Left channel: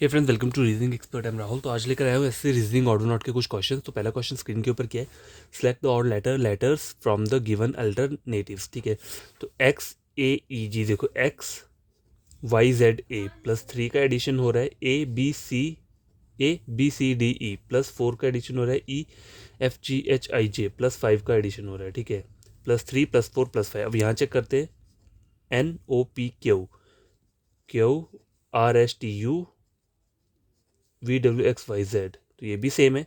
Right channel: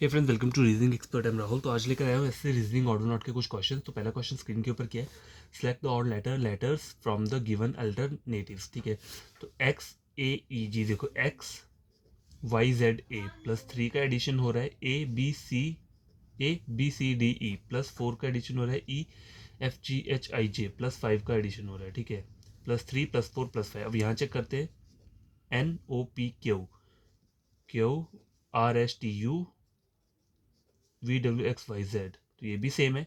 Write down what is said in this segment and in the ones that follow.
Hey friends, welcome to reasoning expert. Am Rahul. तो आज लेकर आया हूँ ऐसे रीजनिंग ऑर्डर नॉट के कुछ क्वेश्चन। तो पहला क्वेश्चन स्क्रीन के ऊपर क्या है, select the odd letters from the given alternatives. ठीक है, तो एक्स ए ई जी, देखो X Y Z A plus 3 का एडिशन हो रहा है, A B C D E plus 4 का एडिशन हो रहा है, E F G H I J plus 5 का एडिशन हो रहा है। ठीक है, +3 +4 +5। अब यहाँ चेक करते हैं, N O P Q, Q R S T U V W X Y Z, तो ये भी सेम है।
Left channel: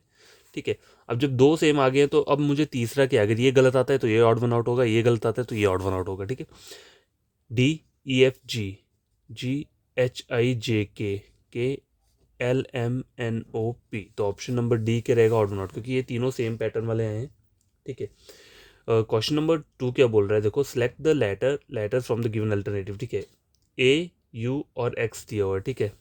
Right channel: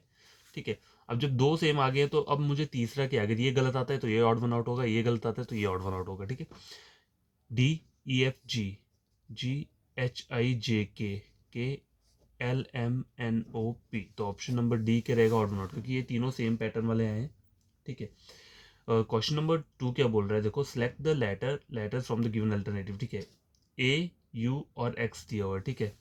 ठीक है, अब जब दो सेम आ गए तो अब मुझे तीसरा क्या, अगर ये गलत आता है तो ये ऑड वन आउट होगा, ये गलत आता है तो ये ऑड वन आउट होगा। ठीक है, D E F G, G H I J K L M N O P, तो ऑप्शन नंबर डी के रहेगा ऑड वन आउट, क्योंकि ये तीनों सेम पैटर्न वाले हैं। ठीक है, क्वेश्चन नंबर 2 क्या बोल रहा है, देखो select the letter from the given alternative. ठीक है, ए यू और एक्स दिया हुआ है। ठीक है,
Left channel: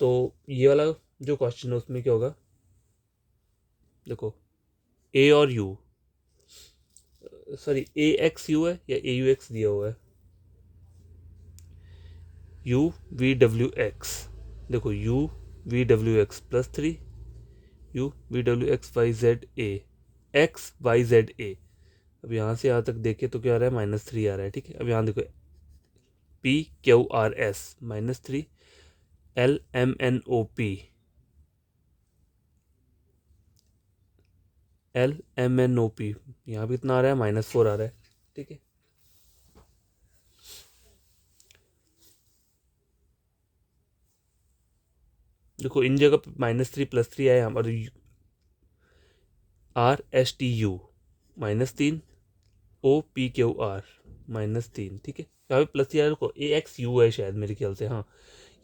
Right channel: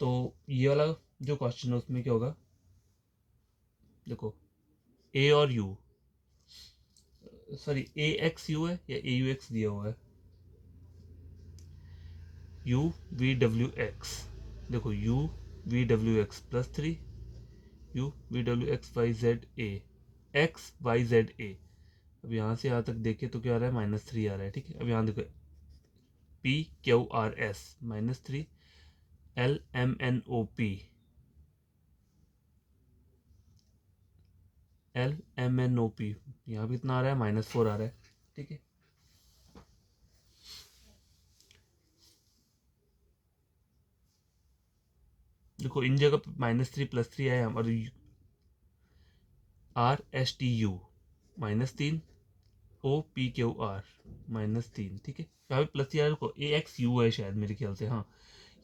तो ये वाला जो क्वेश्चन है उसमें क्या होगा, देखो ए और U, sorry A X U है या ए यू एक्स दिया हुआ है, यू वी डब्ल्यू एक्स, देखो U V W X +3, U V W X Y Z A, X Y Z A. अब यहाँ से यहाँ तक देखे तो क्या आ रहा है, -3 आ रहा है। ठीक है, अब यहाँ देखो P Q R S -3, L M N O P, L M N O P, यहाँ भी इतना आ रहा है, -4 आ रहा है। ठीक है, देखो इन जगह पे -3 +3 आया, यहाँ पर R S T U -3, O P Q R -3। ठीक है, यहाँ पे प्लस यार को ए एक्स यू है शायद, मेरे ख्याल से। हाँ,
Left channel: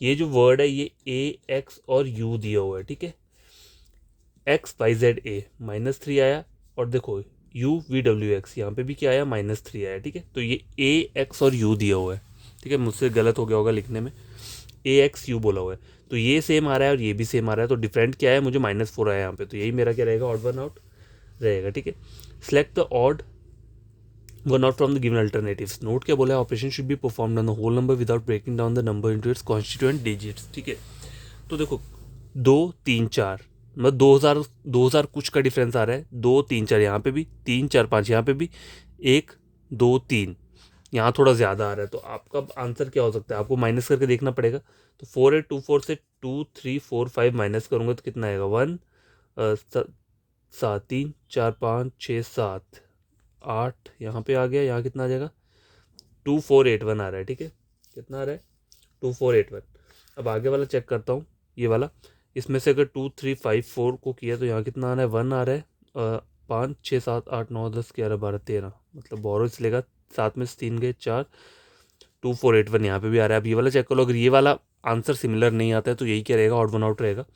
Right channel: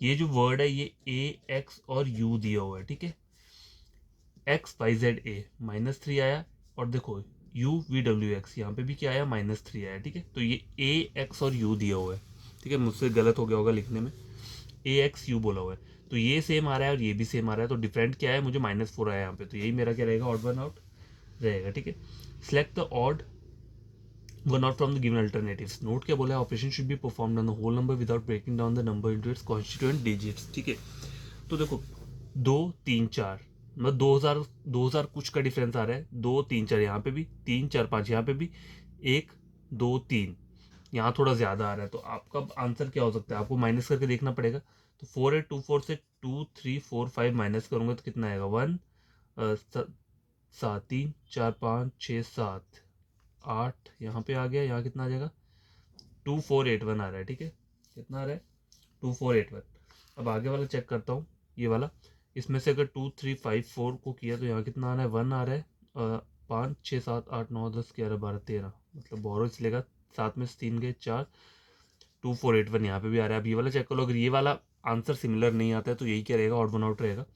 ये जो वर्ड है ये ए एक्स और यू दिया हुआ है। ठीक है, एक्स वाई जेड ए -3 आया, और देखो यू वी डब्ल्यू एक्स यहाँ पे भी क्या आया, -3 आया। ठीक है, तो ये ए एक्स और यू दिया हुआ है। ठीक है, मुझसे गलत हो गया होगा लिखने में, ए एक्स यू बोला हुआ है, तो ये सेम आ रहा है और ये भी सेम आ रहा है, तो डिफरेंट क्या है, मुझे -4 आया यहाँ पे, तो यही मेरा क्या रहेगा, ऑड वन आउट रहेगा। ठीक है, select the odd one out from the given alternatives. Note क्या बोला है, operation should be performed on the whole number without breaking down the number into its constituent digits. ठीक है, तो देखो 2 3 4, मतलब 2000 कुछ का डिफरेंस आ रहा है, 2 3 4 यहाँ पे भी, 3 4 5 यहाँ पे भी, 1 2 3 यहाँ थोड़ा ज़्यादा आ रहा है, तो आपका आंसर क्या हो सकता है, आपको माइनस करके देखना पड़ेगा। तो 4 8 2 4 से 2 3 4 5 माइनस करूँगा तो कितना आएगा, 1 7 3 4 5 6 7 8, यहाँ पे आ गया, यहाँ कितना आ जाएगा, 2481 आ रहा है। ठीक है, कितना आ रहा है, 2481। अब आगे वाला चेक करता हूँ, ये वाला, इसमें से अगर 2 3 5 4 को किया तो यहाँ कितना आ रहा है, 1 आ रहा है, 5 6 7 8 9 10 11 12 13, मतलब बोरो से लेगा, 7 में से 3 गए 4, 2481 यहाँ पे भी आ रहा है। अब ये वाला चेक कर लो, अगर ये वाला आंसर सिमिलर नहीं आता है तो यही क्या रहेगा, ऑड वन आउट रहेगा।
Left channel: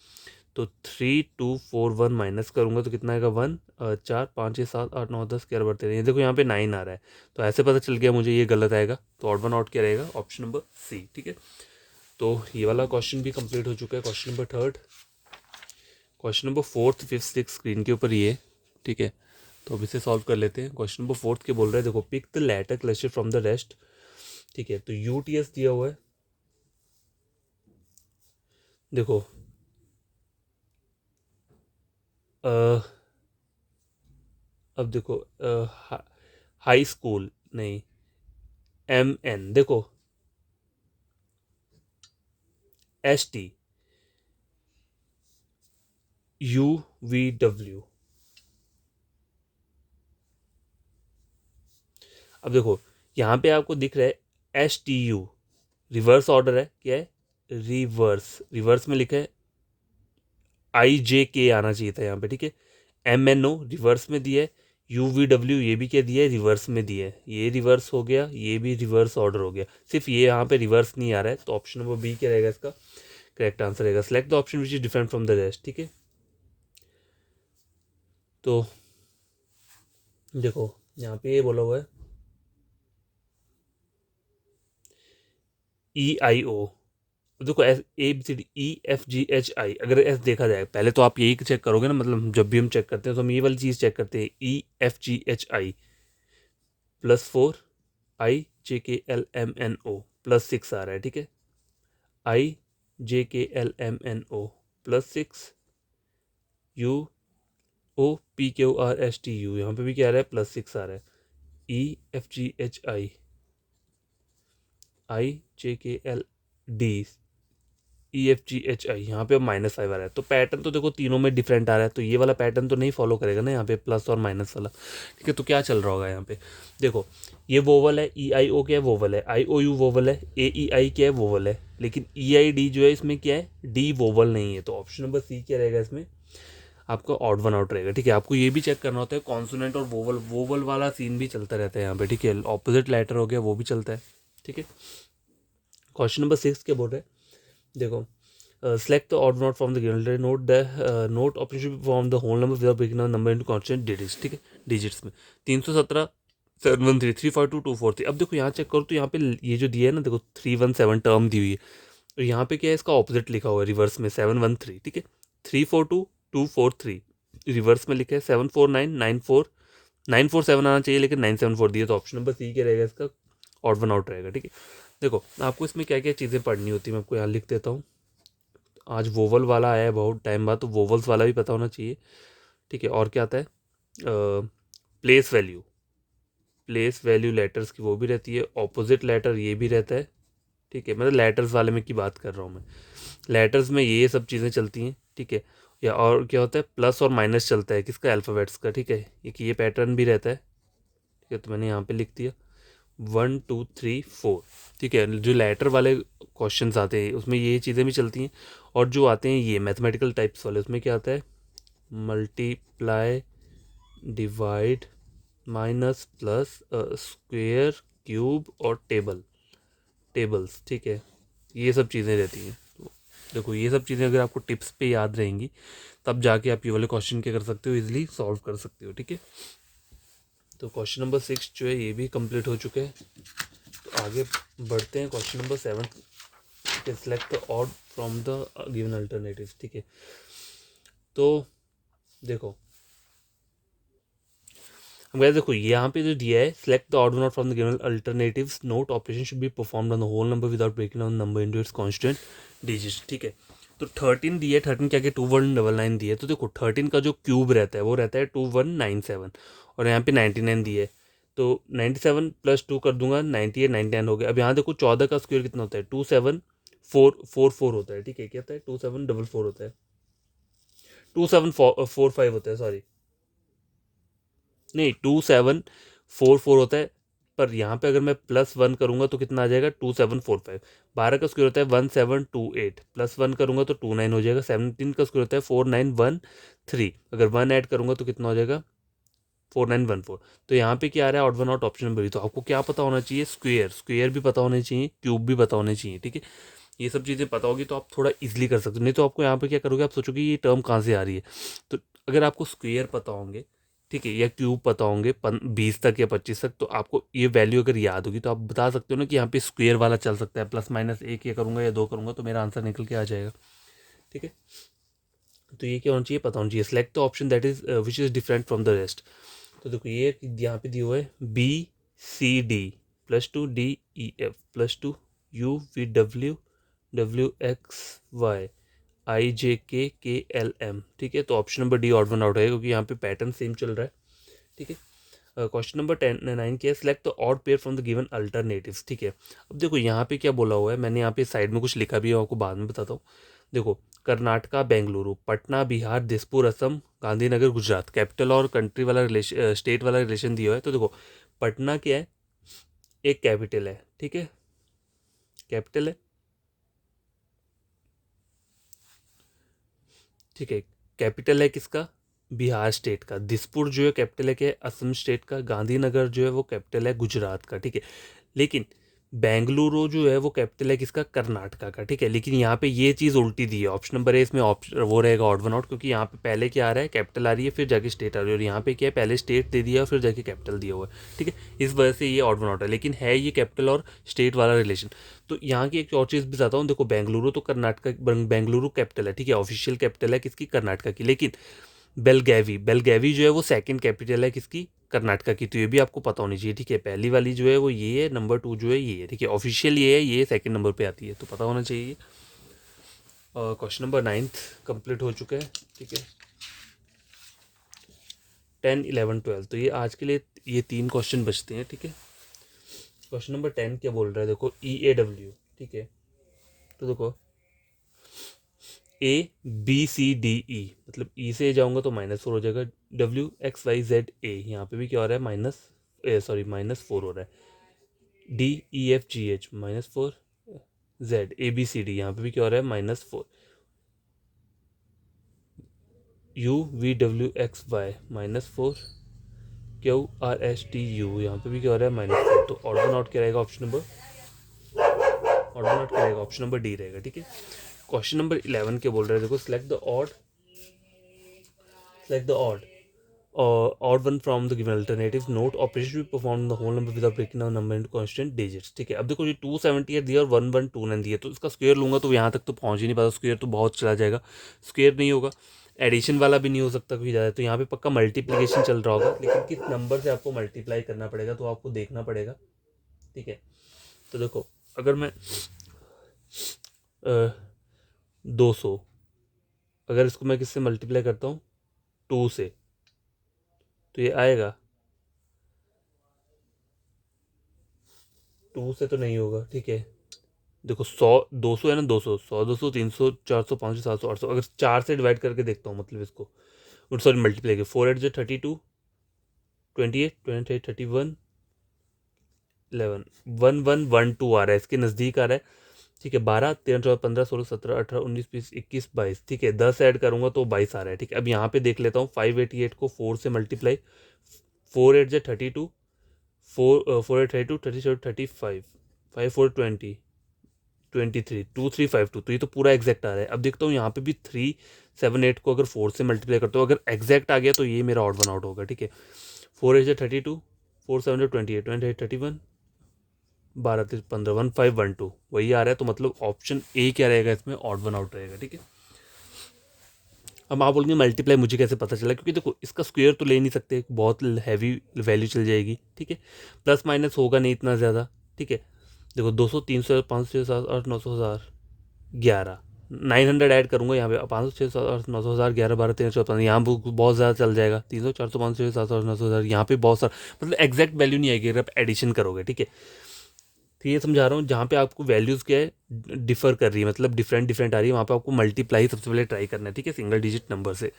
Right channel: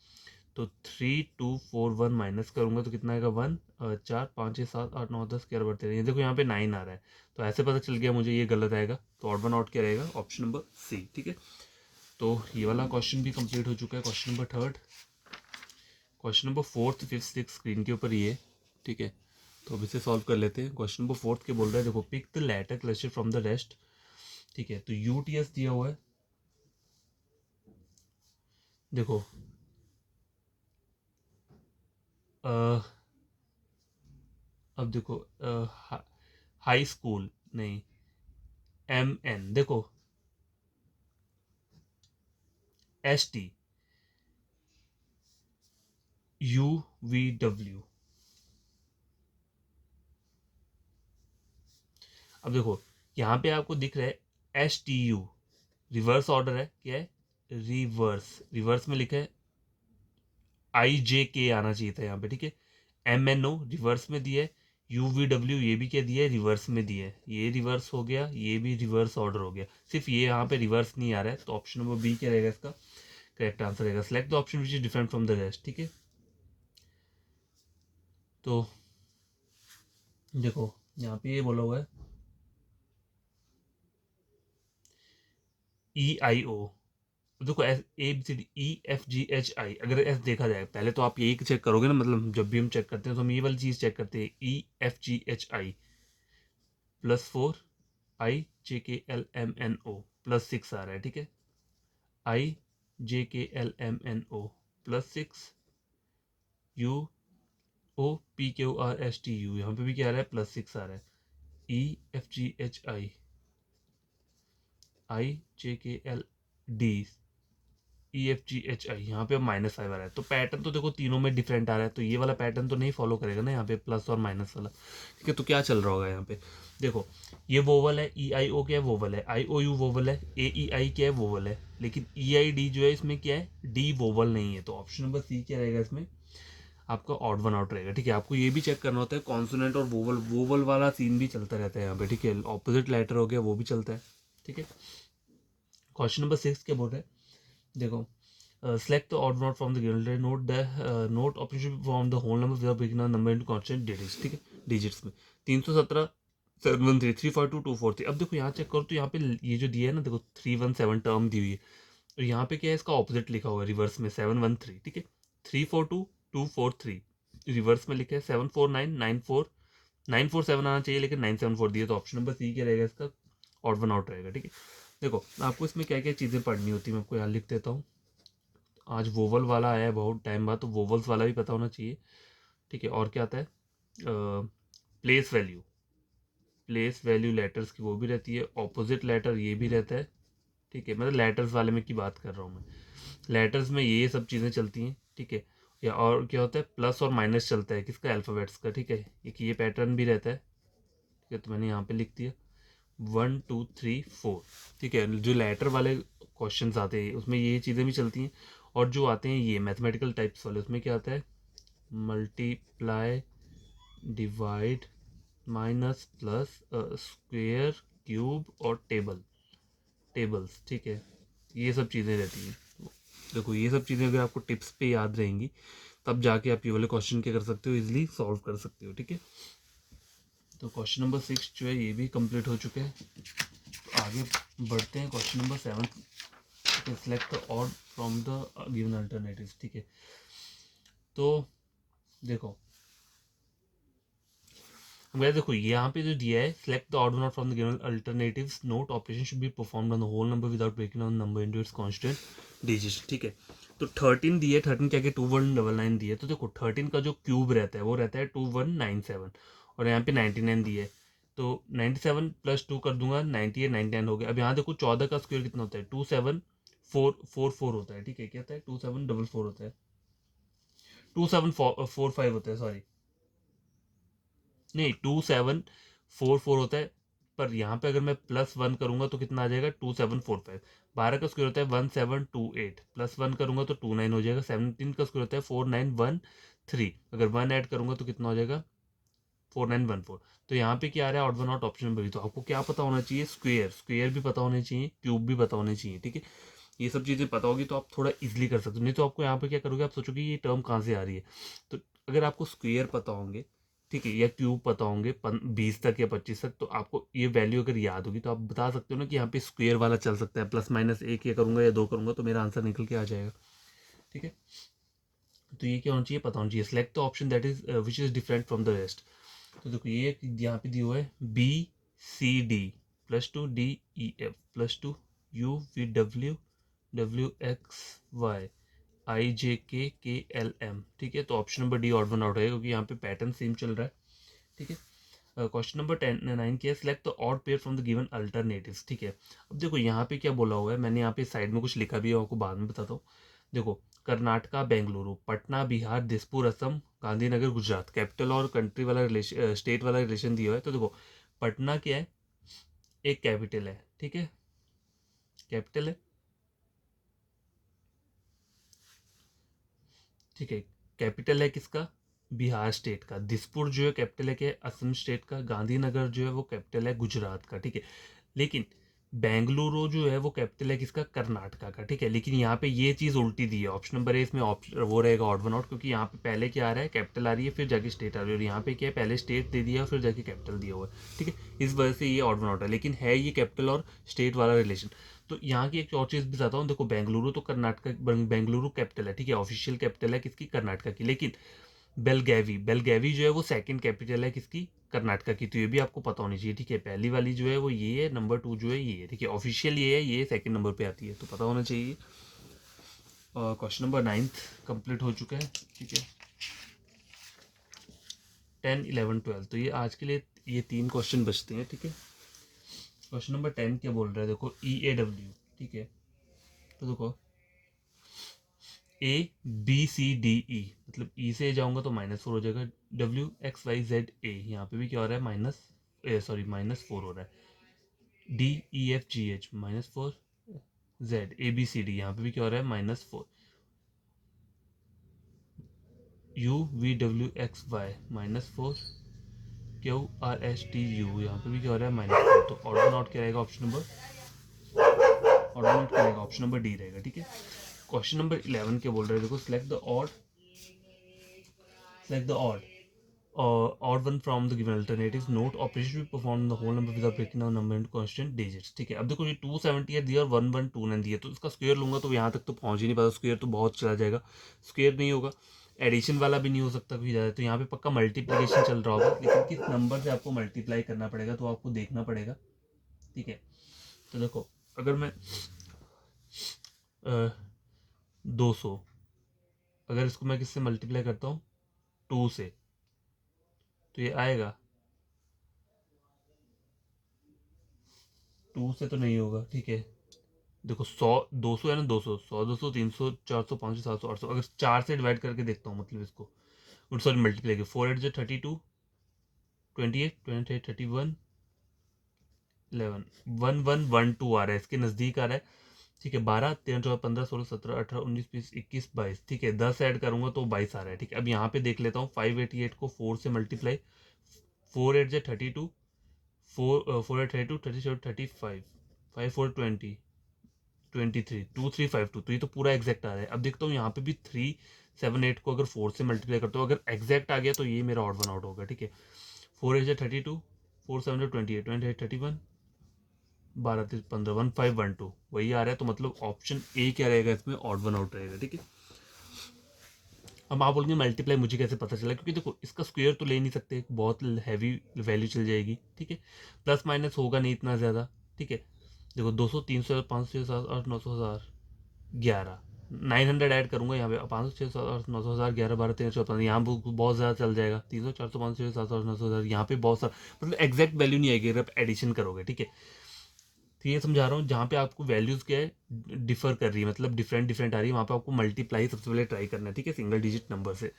तो 3 2 4 1 माइनस करूंगा तो कितना आएगा, 1 4 5 6 7 8 9 10 11 12 13, ये देखो यहाँ पे 9 आ रहा है, तो ऐसे पता चल गया मुझे ये गलत आएगा, तो ऑड वन आउट क्या रहेगा, ऑप्शन नंबर सी। ठीक है, तो ये वाला क्वेश्चन भी कंप्लीट हो चुका है। Question number 3, question number 4 5 6 screen के ऊपर ये। ठीक है, तो अब इसे सॉल्व कर लेते हैं। क्वेश्चन नंबर 4 के बोल रहे हैं, देखो pick the letter cluster from the rest. ठीक है, तो यू टी एस दिया हुआ है, देखो अब देखो हाई स्कूल नहीं, एम एन, देखो S T, U V W. अब देखो यहाँ पे आपको दिख रहा है S T you, reverse order है, क्या है, रिवर्स, रिवर्स में लिखा है आई जे के आना चाहिए था यहाँ पे। ठीक है, एम एन ओ रिवर्स में दिया है, यू वी डब्ल्यू ये भी क्या दिया है, रिवर्स में दिया है, ये रिवर्स हो गया, ये भी रिवर्स ऑर्डर हो गया, सिर्फ ये यहाँ पे रिवर्स नहीं आ रहा है, तो ऑप्शन नंबर बी क्या रहेगा इसका करेक्ट आंसर रहेगा। Select the option which is different from the rest. ठीक है, तो देखो यहाँ पे ये बोला हुआ है ई आई ओ, देखो S A B C D E F G H I, अगर एस देखा जाए पहले तो आप यही चेक करोगे ना, मतलब जब भी हम चेक करते हैं तो हम ये वाली चीज़ चेक करते हैं, ई एफ जी एच आई +4, आई J K L M N ओ +6 आ रहा है। ठीक है, IJKLMNO +6 UOPQRSTU, यहाँ पे भी क्या आ रहा है +6 आ रहा है, EFGHI IJKLD EFGHI, यहाँ पे -5 आ रहा है। तो पैटर्न तो देखो तीनों में डिफरेंट आ रहा है, तो ये वाला पैटर्न तो नहीं फॉलो करेगा ना यहाँ पे प्लस और माइनस वाला। ठीक है, तो क्या चल रहा होगा यहाँ पे, देखो ये वोवल है, EIO क्या है वोवल है, IOU वोवल है, AEI क्या है वोवल है, लेकिन EID जो है इसमें क्या है, डी वोवल नहीं है। तो ऑप्शन नंबर सी क्या रहेगा इसमें, आपका ऑड वन आउट रहेगा। ठीक है, आपको ये भी चेक करना होता है कॉन्सोनेंट और वोवल, वोवल वाला सीन भी चलता रहता है यहाँ पे। ठीक है, ऑपोजिट लेटर हो गया वो भी चलता है। ठीक है, क्वेश्चन नंबर 6 क्या बोल रहा है, देखो select the odd note from the given letter. Note the note option should form the whole number without breaking down number into constant digits. ठीक है, डिजिट्स में 317 713 342 243। अब देखो यहाँ चेक करो तो यहाँ पे ये जो दिया है ना, देखो 317 टर्म दी हुई है, तो यहाँ पे क्या है, इसका ऑपोजिट लिखा हुआ है रिवर्स में 713। ठीक है, 342 243 रिवर्स में लिखा है 749 94 947 आना चाहिए, लेकिन 974 दिया, तो ऑप्शन नंबर सी क्या रहेगा इसका, ऑड वन आउट रहेगा। ठीक है, देखो आपको इसमें क्या क्या चीज़ें पढ़नी होती है, मैं आपको यहाँ लिख देता हूँ। आज वोवल वाला आया है बहुत टाइम बाद, तो वोवल्स वाला भी पता होना चाहिए। ठीक है, और क्या आता है, place value, place value letters की वो भी रहती है, ऑपोजिट लेटर ये भी रहता है। ठीक है, मतलब लेटर्स वाले में की बात कर रहा हूँ मैं, लेटर्स में ये सब चीज़ें चलती हैं। ठीक है, या और क्या होता है, प्लस और माइनस चलता है किसका, अल्फ़ाबेट्स का। ठीक है, ये पैटर्न भी रहता है। ठीक है, तो मैंने यहाँ पे लिख दिया 1 2 3 4। ठीक है, जो लेटर वाले क्वेश्चंस आते हैं उसमें ये चीज़ें भी चलती हैं, और जो आते हैं ये मैथमेटिकल टाइप्स वाले उसमें क्या आता है, multiply divide minus plus square cube और टेबल्स। ठीक है, ये सब चीज़ें रहती हैं। देखो ये सब चीज़ें अगर आपको टिप्स पे याद रहेंगी तब जाके आप ये वाले क्वेश्चन क्या कर सकते हो, इजीली सॉल्व कर सकते हो। ठीक है, तो क्वेश्चन नंबर 6 जो है ये भी कंप्लीट हो चुके हैं। तो आगे बढ़ते हैं, question number 7, select the odd from the given alternatives. ठीक है, तो देखो हमें देखो यहाँ पे जो दिया है, select the odd not from the given alternatives, note operation should be performed on the whole number without breaking down number into its constant digits. ठीक है, तो 13 दिया है, 13 क्या कि 2199 दिया है, तो देखो 13 का जो क्यूब रहता है वो रहता है 2197, और यहाँ पे 99 दिया है, तो 97 + 2 कर दूंगा 98 99 हो गया। अब यहाँ देखो 14 का स्क्वायर कितना होता है, 2744 होता है। ठीक है, क्या होता है, 2744 होता है, 2745 होता है, सॉरी नहीं 2744 होता है, पर यहाँ पे अगर मैं +1 करूँगा तो कितना आ जाएगा, 2745। 12 का स्क्वायर होता है 1728, +1 करूँगा तो 29 हो जाएगा। 17 का स्क्वायर होता है 4913, अगर 1 ऐड करूँगा तो कितना हो जाएगा, 4914। तो यहाँ पे क्या आ रहा है, odd one out option number. तो आपको क्या पता होना चाहिए, स्क्वेयर भी पता होने चाहिए, क्यूब भी पता होने चाहिए। ठीक है, ये सब चीज़ें पता होगी तो आप थोड़ा इजीली कर सकते हो, नहीं तो आपको यहाँ पे क्या करोगे, आप सोचोगे ये टर्म कहाँ से आ रही है। तो अगर आपको स्क्वेयर पता होंगे, ठीक है, या क्यूब पता होंगे 20 तक या 25 तक, तो आपको ये वैल्यू अगर याद होगी तो आप बता सकते हो ना कि यहाँ पे स्क्वेयर वाला चल सकता है, +- 1 ये करूँगा या 2 करूँगा तो मेरा आंसर निकल के आ जाएगा। ठीक है, तो ये क्या होना चाहिए, पता होना चाहिए। Select the option that is which is different from the rest. तो देखो ये यहाँ पे दिया हुआ है BCD +2 DEF +2 UVW WXY IJKKLM। ठीक है, तो option number D odd one out है, क्योंकि यहाँ पे पैटर्न सेम चल रहा है। ठीक है, क्वेश्चन नंबर 9 क्या है, select the odd pair from the given alternatives. ठीक है, अब देखो यहाँ पे क्या बोला हुआ है, मैंने यहाँ पे साइड में कुछ लिखा भी है, आपको बाद में बताता हूँ। देखो कर्नाटका बेंगलुरु, पटना बिहार, दिसपुर असम, गांधीनगर गुजरात, कैपिटल और कंट्री वाला रिलेशन, स्टेट वाला रिलेशन दिया हुआ है। तो देखो पटना क्या है, एक कैपिटल है। ठीक है, कैपिटल है। ठीक है, कैपिटल है किसका, बिहार स्टेट का। दिसपुर जो है कैपिटल है क्या, असम स्टेट का। गांधीनगर जो है वो कैपिटल है गुजरात का। ठीक है, लेकिन बेंगलुरु जो है वो कैपिटल है किसका, कर्नाटका का। ठीक है, लेकिन यहाँ पे ये चीज़ उल्टी दी है, ऑप्शन नंबर ए इसमें ऑप्शन वो रहेगा ऑड वन आउट, क्योंकि यहाँ पे पहले क्या आ रहा है, कैपिटल आ रही है फिर जाके स्टेट आ रही है, और यहाँ पे क्या है, पहले स्टेट दे दिया और फिर जाके कैपिटल दिया हुआ है। ठीक है, इस वजह से ये ऑड वन आउट है, लेकिन है ये कैपिटल और स्टेट वाला रिलेशन। तो यहाँ की एक और चीज़ भी बताता हूँ, देखो बेंगलुरु तो कर्नाटका, बेंगलुरु कैपिटल है। ठीक है, ऑफिशियल कैपिटल है किसकी, कर्नाटका की, लेकिन बेलगैवी, बेलगैवी जो है वो सेकंड कैपिटल है किसकी, कर्नाटका की। तो ये भी आपको पता होनी चाहिए, ठीक है। पहली वाली जो है वो ये है, नंबर 2 जो है ये है, ठीक है। ऑफिशियल ये है, ये सेकंड नंबर पे आती है, तो पता होना चाहिए। और क्वेश्चन नंबर 9 कंप्लीट हो चुका है, ठीक है। 10, 11, 12, तो ये आज के लिए ये 3 क्वेश्चन बचते हैं, ठीक है। क्वेश्चन नंबर 10 क्या बोल रहा है, देखो EAW, ठीक है। तो देखो ABCDE, मतलब E से जाऊंगा तो -4 हो जाएगा, WXYZA, यहाँ पे भी क्या हो रहा है, -4 हो रहा है, DEFGH -4, ZABCD, यहाँ पे भी क्या हो रहा है, -4, UVWXY -4, QRSTU, यहाँ पे भी क्या हो रहा है, -4। तो ऑर्डर नॉट क्या रहेगा, ऑप्शन नंबर डी रहेगा, ठीक है। क्वेश्चन नंबर 11 क्या बोल रहे हैं, देखो select the odd one from the given alternative. Note operation will perform the whole number without breaking down number into constant digits, ठीक है। अब देखो ये 278 दिया और 112 दिया, तो इसका स्क्वायर लूंगा तो यहाँ तक तो पहुँच ही नहीं पाता, स्क्वायर तो बहुत चला जाएगा, स्क्वायर नहीं होगा। एडिशन वाला भी नहीं हो सकता कोई ज़्यादा, तो यहाँ पे पक्का मल्टीप्लिकेशन चल रहा होगा, लेकिन किस नंबर से आपको मल्टीप्लाई करना पड़ेगा तो आपको देखना पड़ेगा, ठीक है। तो देखो अगर मैं 200, अगर इसको मैं किससे मल्टीप्लाई करता हूँ, 2 से, तो ये आएगा 2 से तो नहीं होगा, ठीक है। देखो 100, 200 है ना, 200, 100, 200, 300, 400, 500, 700, 800, अगर 4 से डिवाइड करके देखता हूँ, मतलब इसको सॉरी मल्टीप्लाई के 4 8 जो 32, 28, 28, 31, 11, 1112 आ रहा है, इसके नज़दीक आ रहा है, ठीक है। 12, 13, 14, 15, 16, 17, 18, 19, 20, 21, 22, ठीक है। 10 ऐड करूंगा तो 22 आ रहा है, ठीक है। अब यहाँ पे देख लेता हूँ, 588 को 4 से मल्टीप्लाई, 4 8 जो 32, 4 8 32, 37, 35, 5 4 20, 23, 2352, तो ये तो पूरा एग्जैक्ट आ रहा है। अब देखता हूँ यहाँ पे भी 378 को अगर 4 से मल्टीप्लाई करता हूँ, अगर एग्जैक्ट आ गया तो ये मेरा ऑड वन आउट होगा, ठीक है। 4 8 32, 4 7 28, 28 31, 12 3 15, 1512 वही आ रहा है, तो मतलब ऑप्शन ए क्या रहेगा इसमें, ऑड वन आउट रहेगा, ठीक है। अब आप बोलेंगे मल्टीप्लाई मुझे कैसे पता चला, क्योंकि देखो इसका स्क्वायर तो ले नहीं सकते, बहुत हैवी वैल्यू चल जाएगी, ठीक है। प्लस माइनस होगा नहीं इतना ज़्यादा, ठीक है। देखो 200, 300, 500, 700, 800, 900, 1000, 11, 900 ऐड करूंगा यहाँ पे, 500, 600, 800, 900, 1000, 11, 12, 13, 14, 15, यहाँ बहुत ज़्यादा चल जाएगा, 300, 400, 500, 700, 800, 900, 1000, यहाँ पे बहुत सारा, मतलब एग्जैक्ट वैल्यू नहीं आएगी अगर आप एडिशन करोगे, ठीक है। तो ये समझा रहा हूँ, जहाँ पे आपको वैल्यूज़ क्या है डिफर कर रही है, मतलब डिफरेंट डिफरेंट आ रही है, वहाँ पे आपको मल्टीप्लाई सबसे पहले ट्राई करना है, ठीक है, सिंगल डिजिट नंबर से।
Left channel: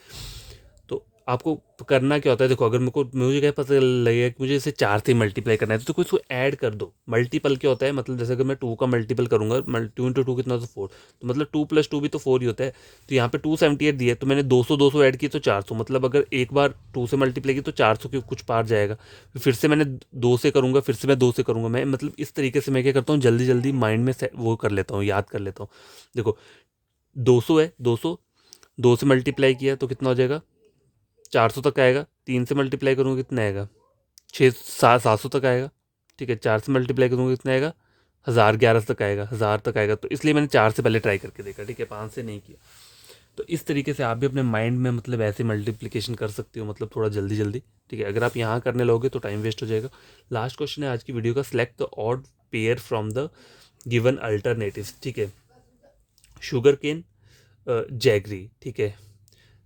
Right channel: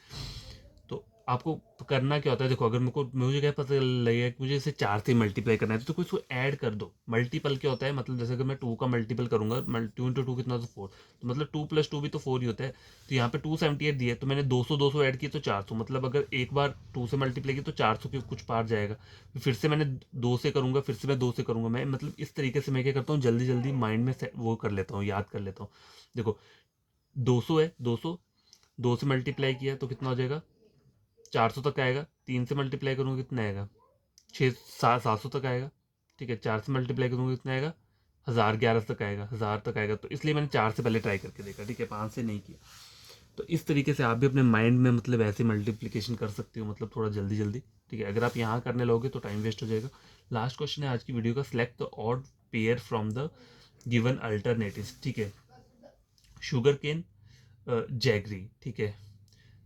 तो आपको करना क्या होता है, देखो अगर मुझे क्या पता लगेगा कि मुझे इसे 4 से मल्टीप्लाई करना है, तो कोई इसको ऐड कर दो। मल्टीपल क्या होता है, मतलब जैसे अगर मैं 2 का मल्टीपल करूंगा, 2 इंटू 2 कितना, तो 4, तो मतलब 2 + 2 भी तो 4 ही होता है। तो यहाँ पे 278 दिया, तो मैंने 200 200 ऐड किए तो 400, मतलब अगर एक बार 2 से मल्टीप्लाई की तो 400 के कुछ पार जाएगा, फिर से मैंने 2 से करूँगा, फिर से मैं 2 से करूँगा, मैं मतलब इस तरीके से मैं क्या करता हूँ, जल्दी जल्दी माइंड में वो कर लेता हूँ, याद कर लेता हूँ। देखो 200 है, 200, 2 से मल्टीप्लाई किया तो कितना हो जाएगा, 400 तक आएगा। 3 से मल्टीप्लाई करूँगा कितना आएगा, 700 तक आएगा, ठीक है। 4 से मल्टीप्लाई करूँगा कितना आएगा, 1000, 11 तक आएगा, 1000 तक आएगा। तो इसलिए मैंने 4 से पहले ट्राई करके देखा, ठीक है, 5 से नहीं किया। तो इस तरीके से आप भी अपने माइंड में मतलब ऐसे मल्टीप्लिकेशन कर सकते हो, मतलब थोड़ा जल्दी जल्दी, ठीक है। अगर आप यहाँ करने लगोगे तो टाइम वेस्ट हो जाएगा। लास्ट क्वेश्चन है आज की वीडियो का, select the odd pair from the given alternatives, ठीक है। शुगर केन, जैगरी, ठीक है।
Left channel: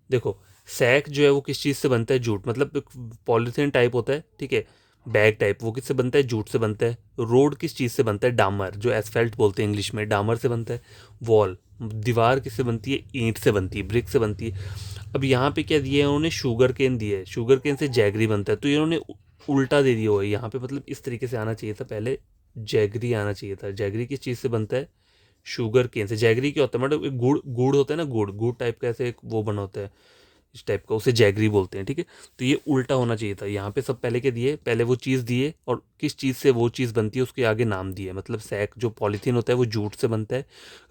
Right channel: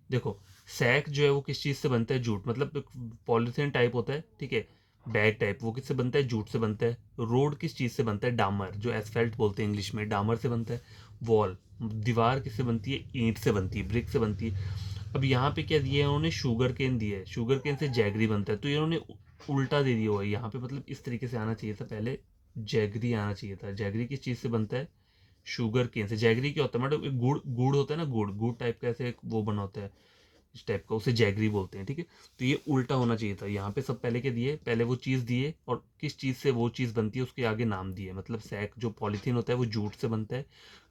देखो सैक जो है वो किस चीज़ से बनता है, जूट, मतलब पॉलीथीन टाइप होता है, ठीक है, बैग टाइप, वो किससे बनता है, जूट से बनता है। रोड किस चीज़ से बनता है, डामर, जो एसफेल्ट बोलते हैं इंग्लिश में, डामर से बनता है। वॉल, दीवार किससे बनती है, ईंट से बनती है, ब्रिक से बनती है। अब यहाँ पे क्या दिया है उन्होंने, शुगर केन दिया है, शुगर केन से जैगरी बनता है, तो इन्होंने उल्टा दे दिया हुआ है यहाँ पे, मतलब इस तरीके से आना चाहिए था, पहले जैगरी आना चाहिए था। जैगरी किस चीज़ से बनता है, शुगर केन से। जैगरी क्या होता है, मतलब एक गुड़ गुड़ होता है ना, गुड़ गुड़ टाइप का ऐसे एक वो बना होता है इस टाइप का, उसे जैगरी बोलते हैं, ठीक है। तो ये उल्टा होना चाहिए था, यहाँ पे सब पहले के दिए, पहले वो चीज़ दिए और किस चीज़ से वो चीज़ बनती है उसके आगे नाम दिए, मतलब सैक जो पॉलीथीन होता है वो जूट से बनता है।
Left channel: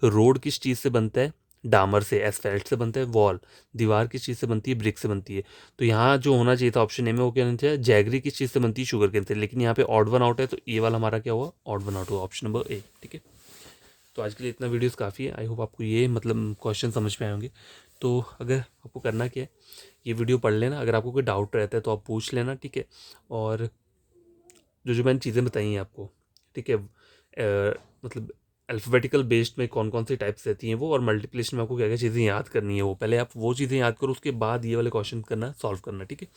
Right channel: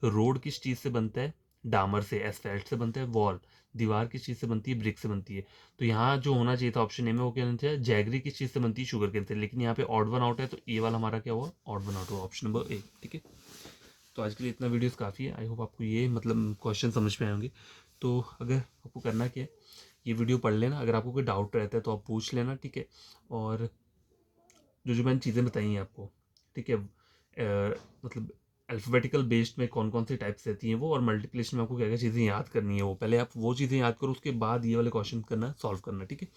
रोड किस चीज़ से बनता है, डामर से, एसफेल्ट से बनता है। वॉल, दीवार किस चीज़ से बनती है, ब्रिक से बनती है। तो यहाँ जो होना चाहिए था ऑप्शन ए में, वो क्या होना चाहिए, जैगरी किस चीज़ से बनती है, शुगर केन से, लेकिन यहाँ पे ऑड वन आउट है, तो ये वाला हमारा क्या हुआ, ऑड वन आउट हुआ, ऑप्शन नंबर ए, ठीक है। तो आज के लिए इतना वीडियोस काफ़ी है, आई होप आपको ये मतलब क्वेश्चन समझ में आएंगे। तो अगर आपको करना क्या है, ये वीडियो पढ़ लेना, अगर आपको कोई डाउट रहता है तो आप पूछ लेना, ठीक है। और जो मैंने चीज़ें बताई हैं आपको, ठीक है, मतलब अल्फ़ाबेटिकल बेस्ड में कौन कौन सी टाइप्स रहती हैं वो, और मल्टीप्लिकेशन में आपको क्या क्या चीज़ें याद करनी है, वो पहले आप वो चीज़ें याद करो, उसके बाद ये वाले क्वेश्चन करना, सॉल्व करना, ठीक है।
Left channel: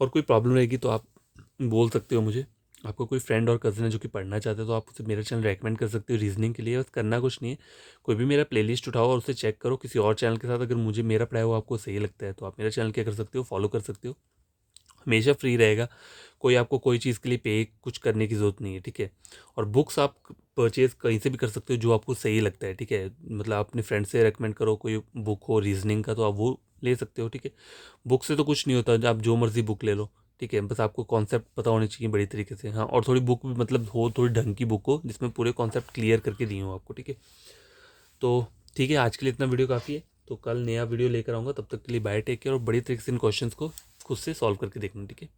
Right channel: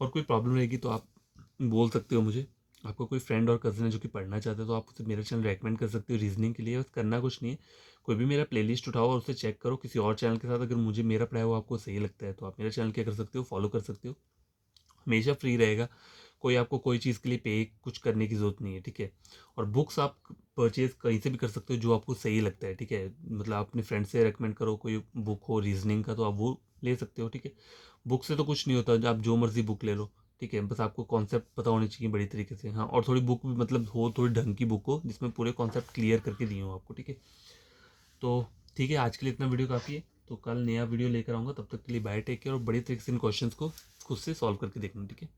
और कोई प्रॉब्लम रहेगी तो आप बोल सकते हो मुझे। आपको कोई फ्रेंड और कज़न है जो कि पढ़ना चाहते हो तो आप उसे मेरा चैनल रेकमेंड कर सकते हो रीजनिंग के लिए। बस करना कुछ नहीं है, कोई भी मेरा प्लेलिस्ट उठाओ और उसे चेक करो किसी और चैनल के साथ, अगर मुझे मेरा पढ़ाया हुआ आपको सही लगता है तो आप मेरा चैनल क्या कर सकते हो, फॉलो कर सकते हो। हमेशा फ्री रहेगा, कोई आपको कोई चीज़ के लिए पे कुछ करने की ज़रूरत नहीं है, ठीक है। और बुक्स आप परचेज़ कहीं से भी कर सकते हो जो आपको सही लगता है, ठीक है। मतलब आप अपने फ्रेंड से रेकमेंड करो, कोई बुक हो रीजनिंग का तो आप वो ले सकते हो, ठीक है। बुक से तो कुछ नहीं होता, आप जो मर्ज़ी बुक ले लो, ठीक है। बस आपको कॉन्सेप्ट पता होने चाहिए बड़ी तरीके से, हाँ। और थोड़ी बुक भी मतलब हो, थोड़ी ढंग की बुक हो जिसमें पूरे कॉन्सेप्ट क्लियर करके दिए हो आपको, ठीक है। तो ठीक है, आज के लिए इतना वीडियो काफ़ी है। तो कल नया वीडियो लेकर आऊँगा, तब तक के लिए बाय, टेक केयर, और बड़ी तरीके से इन क्वेश्चंस को खुद से सॉल्व करके देखना, ठीक है।